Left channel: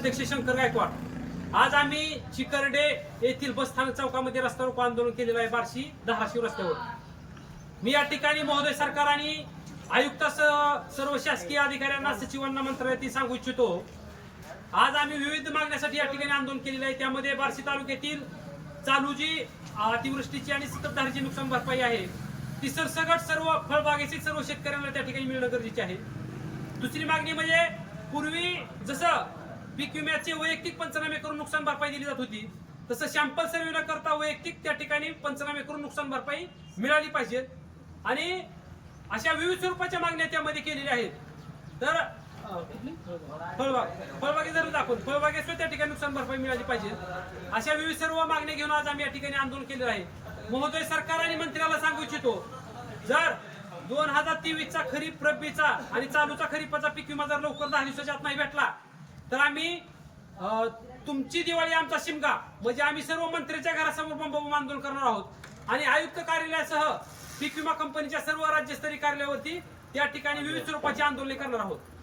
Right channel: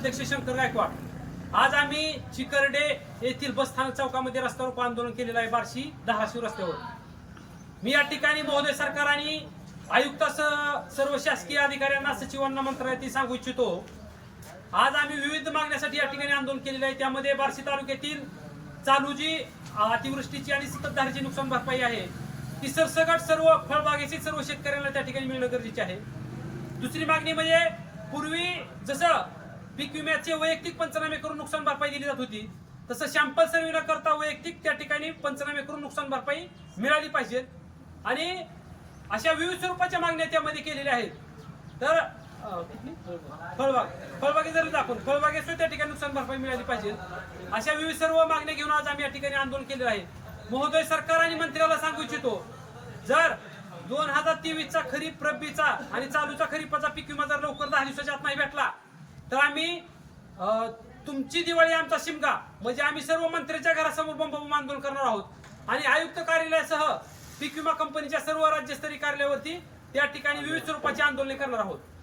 अध्यक्ष शंकर गायकवाड आज आम्ही चिकरडे येथील बसस्थानक चौकामध्ये रस्ता रोको आंदोलन केलेलं आहे बारशी धाराशिव रस्त्यावर मी या ठिकाणी महोदय सरकार आणि आयुक्तासह सर्व शासकीय अधिकाऱ्यांना सचिवांना मंत्रालयातील सांगू इच्छितो आज आम्ही विविध मागण्यासाठी या ठिकाणी आंदोलन केलेलं आहे त्यामध्ये बारशी तालुक्यातील चालूजी अतिवृष्टीची आणि सततधारीची नुकसान भरपाई आहे ती सरसगट सर्व फळबागेचे सर्व शेतकऱ्यांना त्या ठिकाणी मिळणं गरजेचे आहे दुसरी मागणी म्हणजे पूर्वी जसं पीक विम्याचे वैयक्तिक पंचनामे करून नुकसान भरपाई दिली जात होती तसं शॅम्पल सर्वे न करता वैयक्तिक त्या ठिकाणी पंचनामे करून नुकसान भरपाई मिळाली पाहिजे आणि अशा विविध स्वरूपाच्या मागण्या त्यामध्ये केलेल्या आहेत तर फळबाग फळबागे जर दाखवून फळबागेसुद्धा त्या ठिकाणी नुकसान भरपाई मिळाली पाहिजे अशा विविध सर्व मागण्या घेऊन आज आम्ही या ठिकाणी आंदोलन केलेलं आहे महोदय सरकार आणि मंत्र्याला सांगू इच्छितो जर दोन हजार तेवीसचा खरीप रब्बीचा आणि चालूचा खरीपाचा पीक विमा जर लवकर दहा दिवसाच्या आत नाही भेटला तर आम्ही तुमची दिवाळी आमचा शिमगा म्हणजे आम्ही सर्व मंत्र्यांच्या घरासमोर बंब आंदोलन करणार आहोत आणि आयुक्त कार्यालयासह पीक विमा कंपनीच्या सर्व राज्यस्तरीय कार्यालयावरती त्या ठिकाणी विविध स्वरूपाची आंदोलने करणार आहोत